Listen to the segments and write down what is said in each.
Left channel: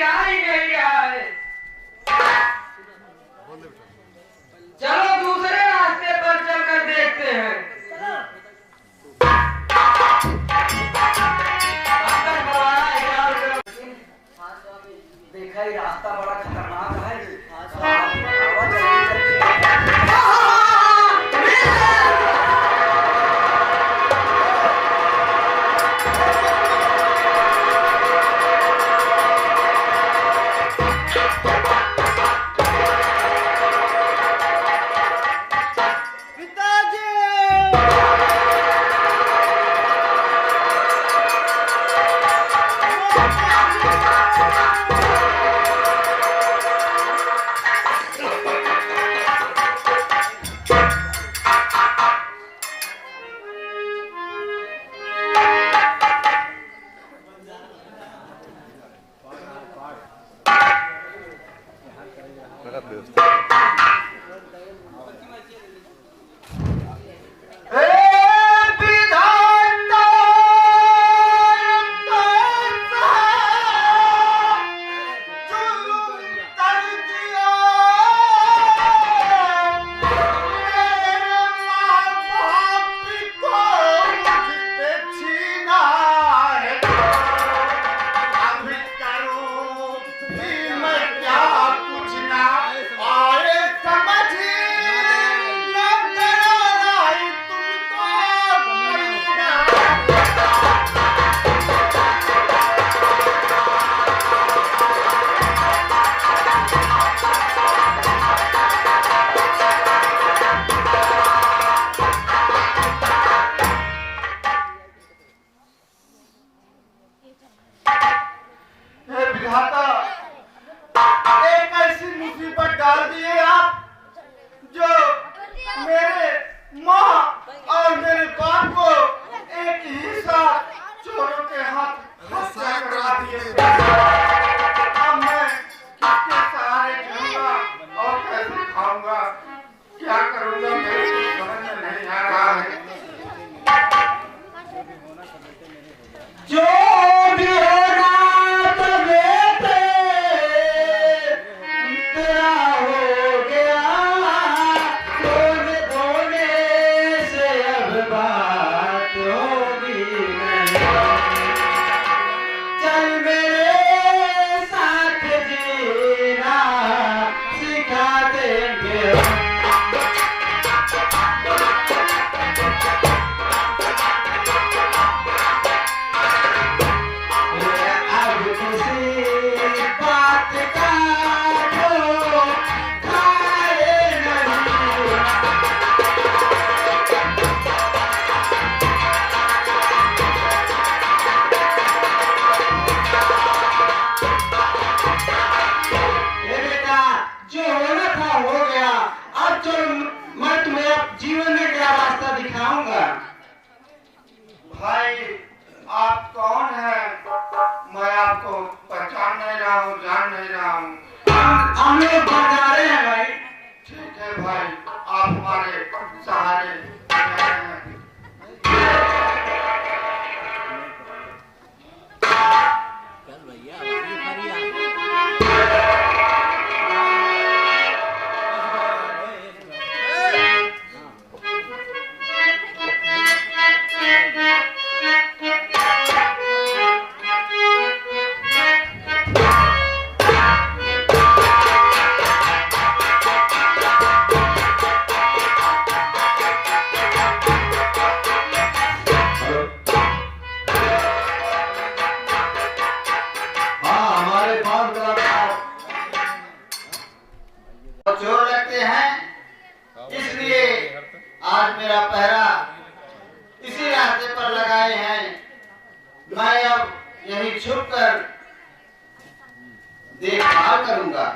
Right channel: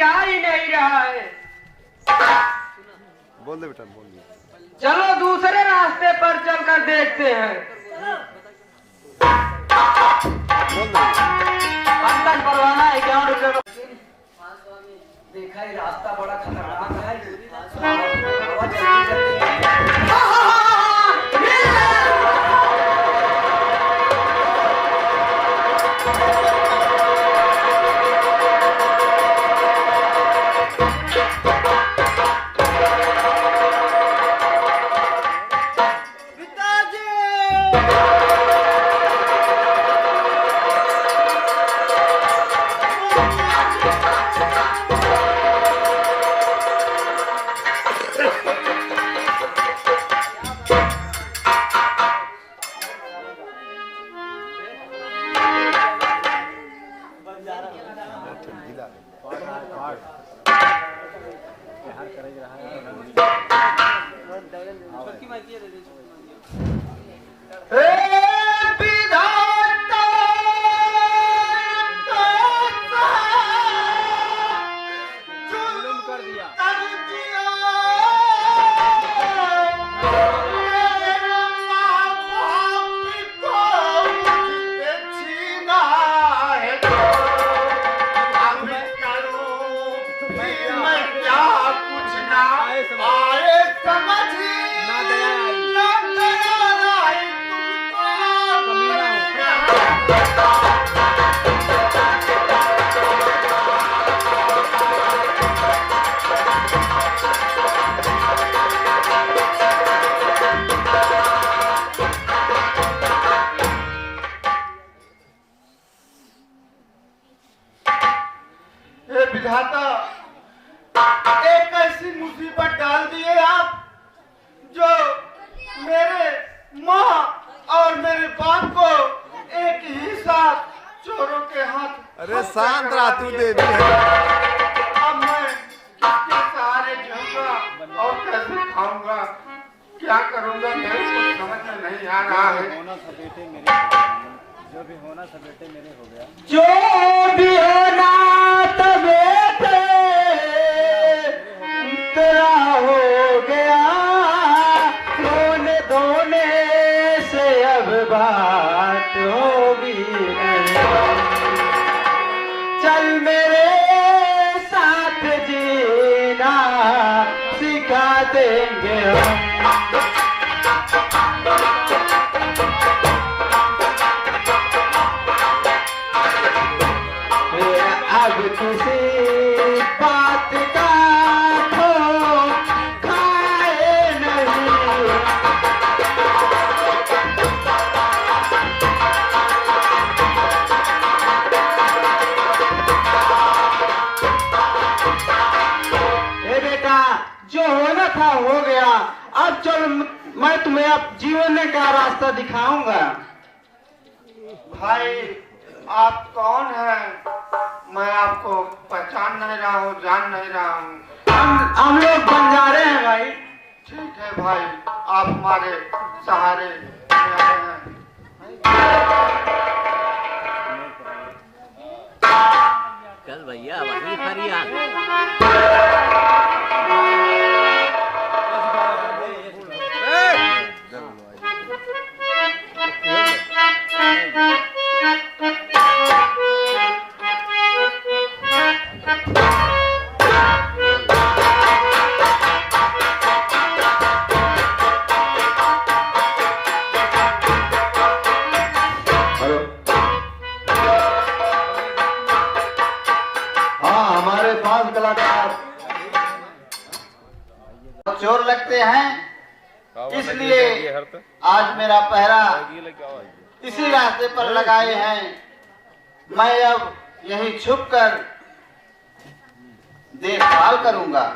रहा ही नहीं रहा है। बोल दे बेटा, बोल दे। चलो दूसरे रास्ते पर चलकर देखते हैं। अंदर परवाना है 11 रुपये। देखा ही रास्ता बड़ा खतरनाक है। एक ऐसी मुसीबत डाल दिए आप जो मेरे माँ और मेरे बाप को एक ही साथ चोरों के हाथ। अरे शांत रातू दे। अब मैं किसके सहारे जाऊंगा और कैसे खाऊंगा, क्या करूंगा, मेरे को समझ में नहीं आ रहा है। जो भी होना सब बेटे मेरे हो गया। जो भी होना तेरा हो गया। रोने धोने से अब बात होगी नहीं। चल मेरे साथ जीना सिखा देंगे। जो होना था हो गया। अब चलो मैं तुम्हें अब जीवन में क्या रास्ता दिखाऊंगा। भाई आप कौन हैं? मैं आपको पहचान नहीं रहा हूँ, जान नहीं रहा हूँ। हम लोग बंजारे हैं भाई। ठीक है भाई, आप हमारे सहारे हैं। चल भैया वही फरियाद। चोर लगते हैं, इसलिए आज मेरा पहरा इसी रास्ते पर लगाए हैं। मैं अब यही छुपकर देखभाल करूंगा।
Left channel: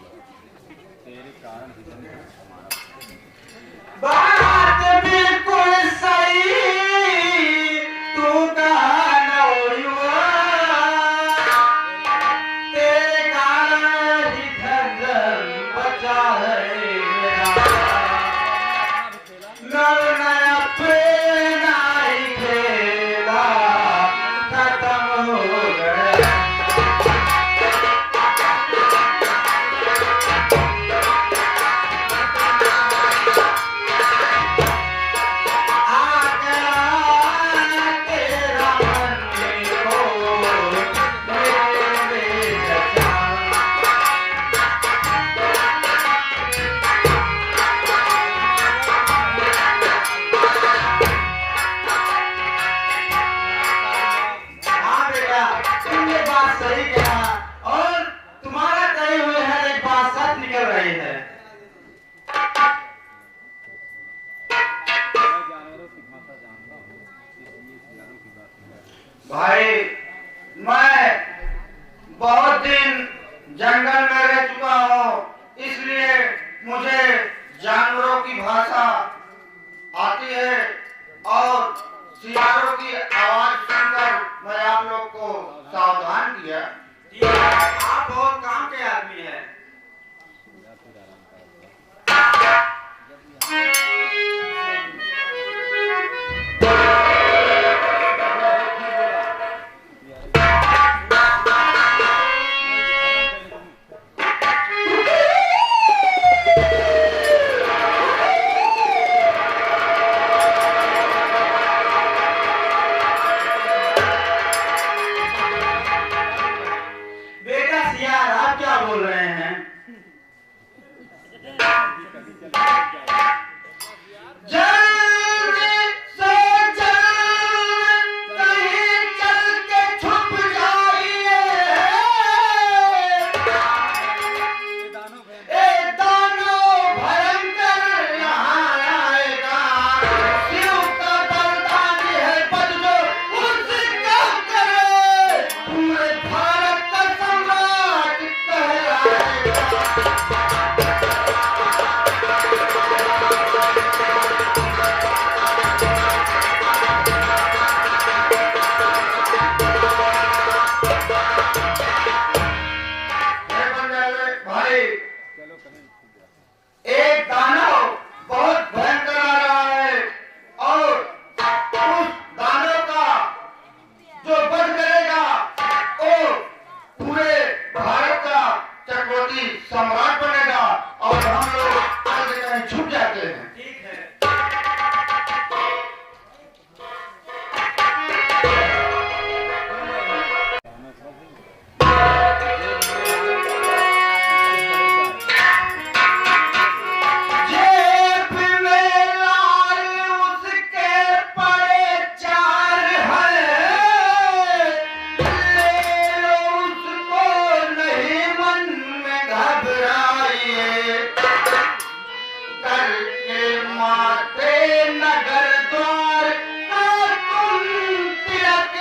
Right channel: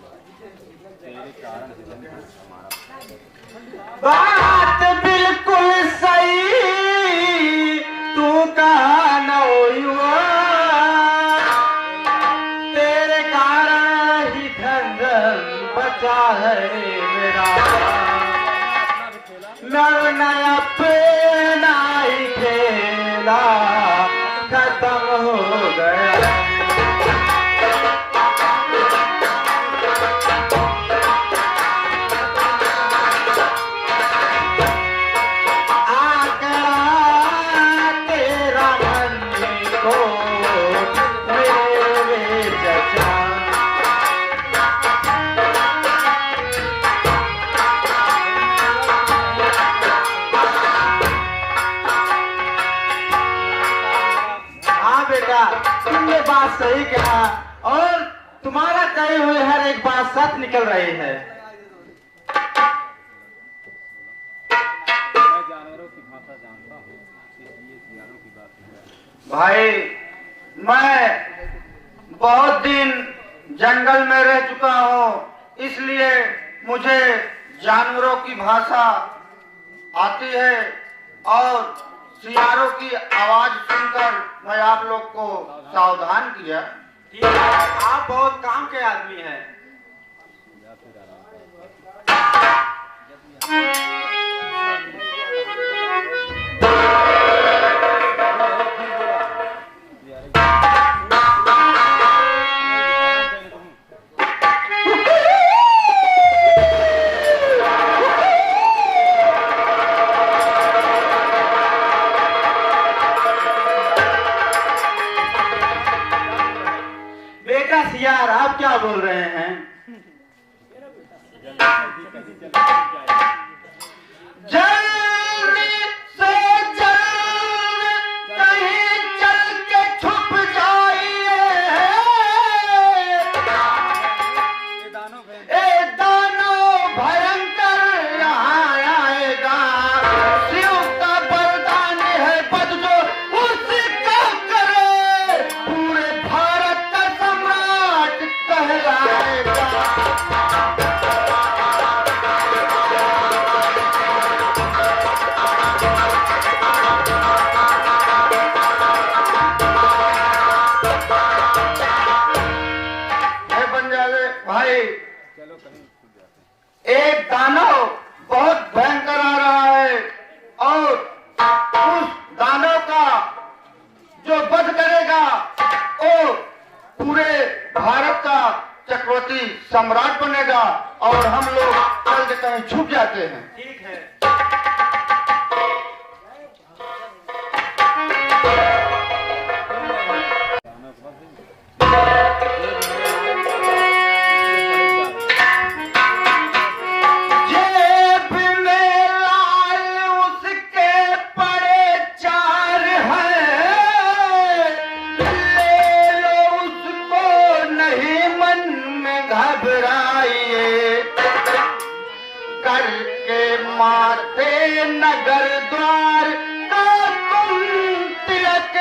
तेरे कारण ही जन हमारा बात बिल्कुल सही तू कहा न हुआ, तेरे कारण ही धन बचा है मेरा, नव नया प्रेरणा ही खेला खत्म हो गया। तुमने बात सही कहा और तुम्हारा कहे हुए हर एक बात सच निकल रही है। मैं जानवरों की भाषा जानता हूँ, इसलिए जानवरों की बात नहीं। भाई मैं बहुत दिन जंगल में रह चुका हूँ, इसलिए मुझे जानवरों की भाषा आती है और सियारों की आवाज सुनकर मैं आप लोग को सावधान किया। ठीक है, आप बहुत काम के आदमी हैं। या फिर आराम कर। बेटा सियार, आप क्या बोल रहे हैं? जल्दी से जल्द कहीं चल के छुप जाइए, ए दानव भयंकर यहाँ आएगा, शिव का वरदान है बदलो उसका करे, पूरे भारत का सम्राट कहलाएगा। हे बंजारे भाई, चलो कहीं छूट जाते हैं। एक दानव बहुत भयंकर आ रहा है और उस दानव का जो वध करेगा वो पूरे भारत का चक्रवर्ती सम्राट बनेगा और हम लोग चल के कहीं छुप जाते हैं। ठीक है। जेब में लाल उसके पड़े चार हैं, ले लो उसको नहीं मन में घबराइए, करके माते नगर द्वार तो तुम तिलक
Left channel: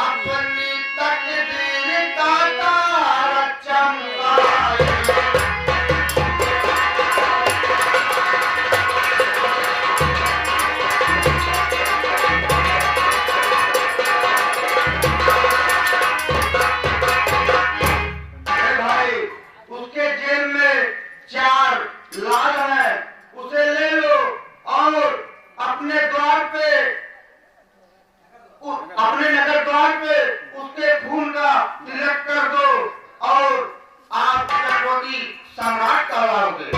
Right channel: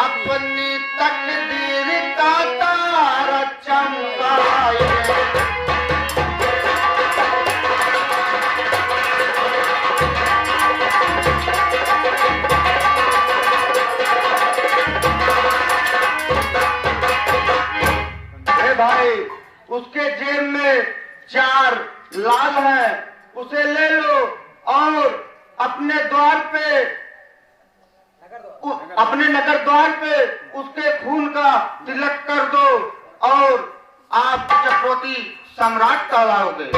अपनी तकदीर का तारा चमकाइए। हे भाई, उसके जेब में 4 लाल है, उसे ले लो और अपने द्वार पे अपने नगर द्वार पे उसके खून का तिलक कर दो और आप चक्रवर्ती सम्राट कहलाओगे।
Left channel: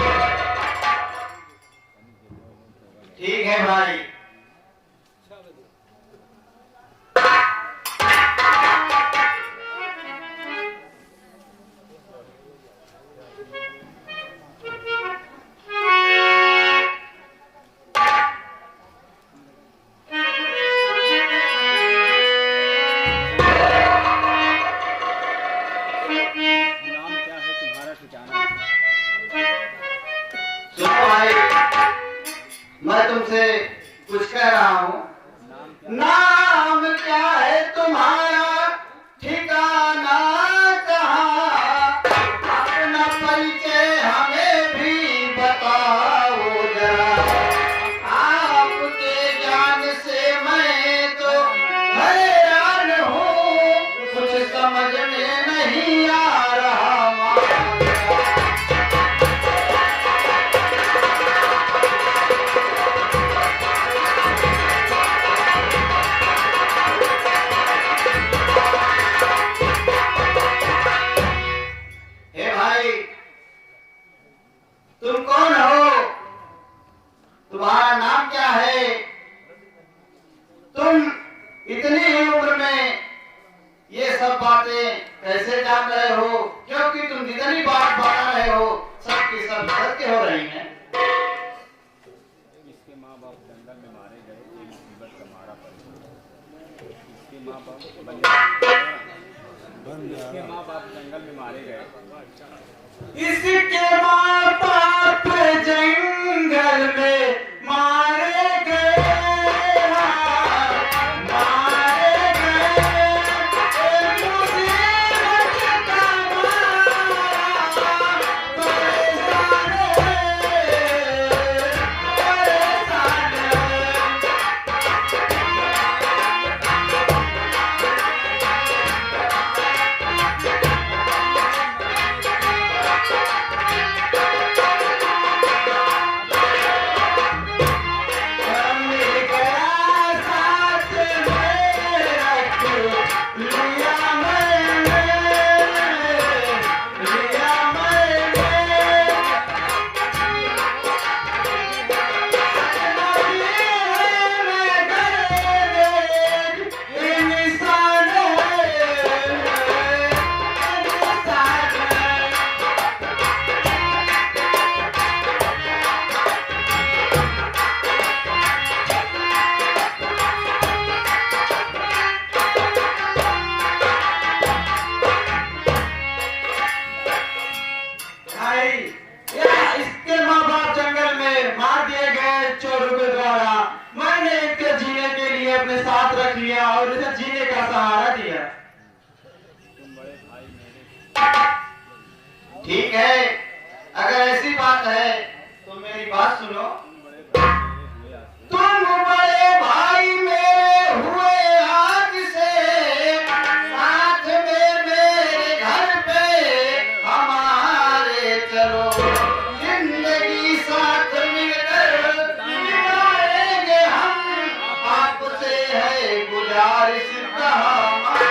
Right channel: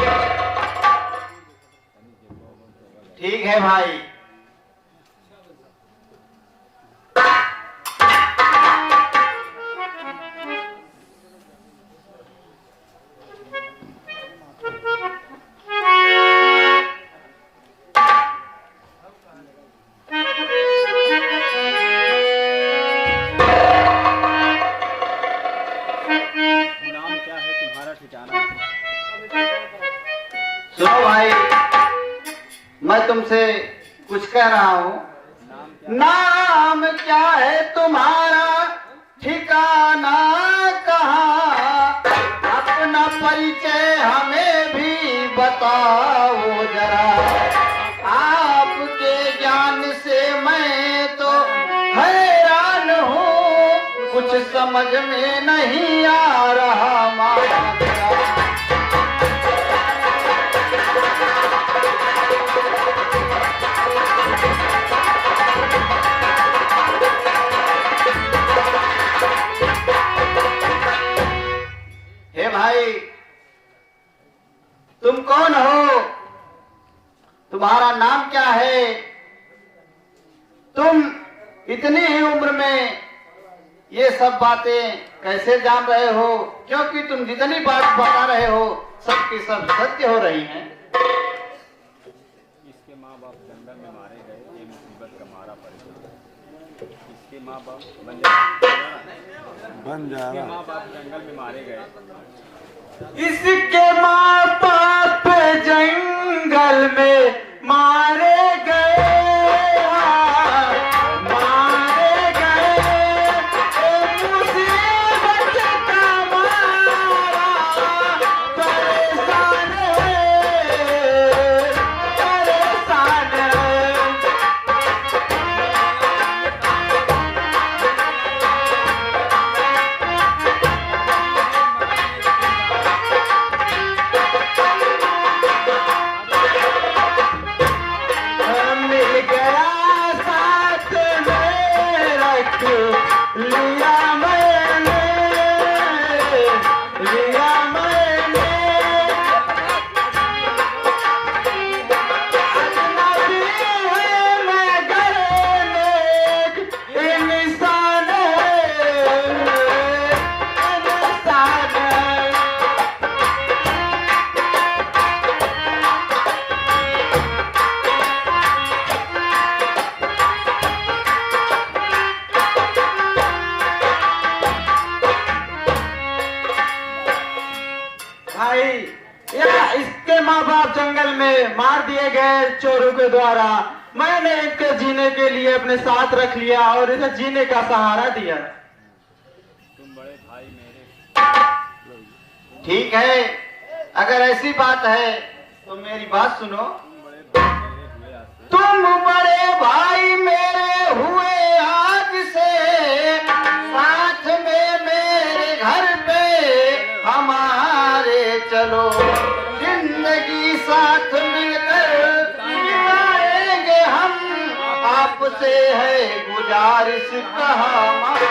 ठीक है भाई। नाम क्या है तुम्हारा, ठिकाना? सुनो भाई, मैं तुमसे कुछ कह रहा हूँ। नाम क्या? नाम क्या है तुम्हारा, ठिकाना कहाँ? परिचय हमें भी बताओ जरा, आपके ज्ञान से मैं तो हैरान हूँ, कुछ समझ में नहीं आ रहा मारा। हे भाई, तुम कौन हो? तुम्हारा नाम क्या है? तुम इतनी ही उम्र में ये सब बातें कैसे जान रहे हो? क्योंकि तुम जितनी बात बता रहे हो सबकी सब सत्य हो रही हैं। इसके माँ बाप जंगल में मारे गए, ये मुसीबत का मारा पड़ गया। इसके माँ बाप इसके माँ बाप जंगल में मारे गए। इसके माँ बाप जंगल में मारे गए, मारे गए, मुसीबत का मारा, परेशान परेशान। मिल गया साथ में रख लिया मैंने, लिया मैंने। अजनबी है मगर नेक इंसान है, इंसान है। भाई, या इसके माँ बाप जंगल में मार दिए गए चोरों के द्वारा। मैंने इसके जीने के लिए अपने साथ रख लिया और इसे जीने का सहारा दिया। तुम बड़े भाई मेरे, ठीक है, अगर ऐसी बात है तो मेरी बात सुनो। तुम बड़े भाई मेरे हुए आज से। तुम बड़े भाई मेरे हुए आज से, साथ में मेरे घर पे हमारे चलो, जिंदगी साथ मिलकर जिएंगे हम, आपसे है गुजारिश हमारी।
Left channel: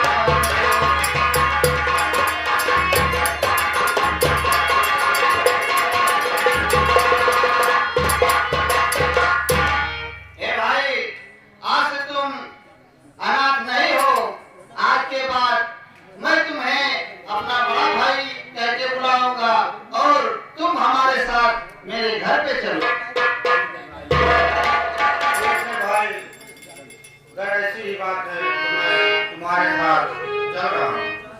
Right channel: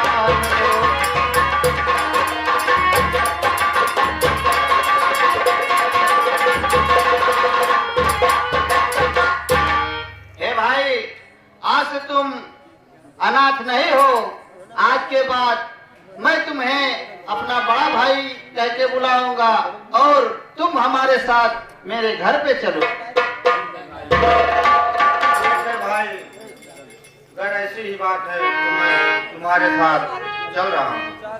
हे भाई, आज से तुम अनाथ नहीं हो। आज के बाद मैं तुम्हें अपना बड़ा भाई कह के बुलाऊंगा और तुम हमारे साथ मेरे घर पे चलो। भाई, अगर ऐसी ही बात है तो मैं तुम्हारे साथ चल रहा हूँ।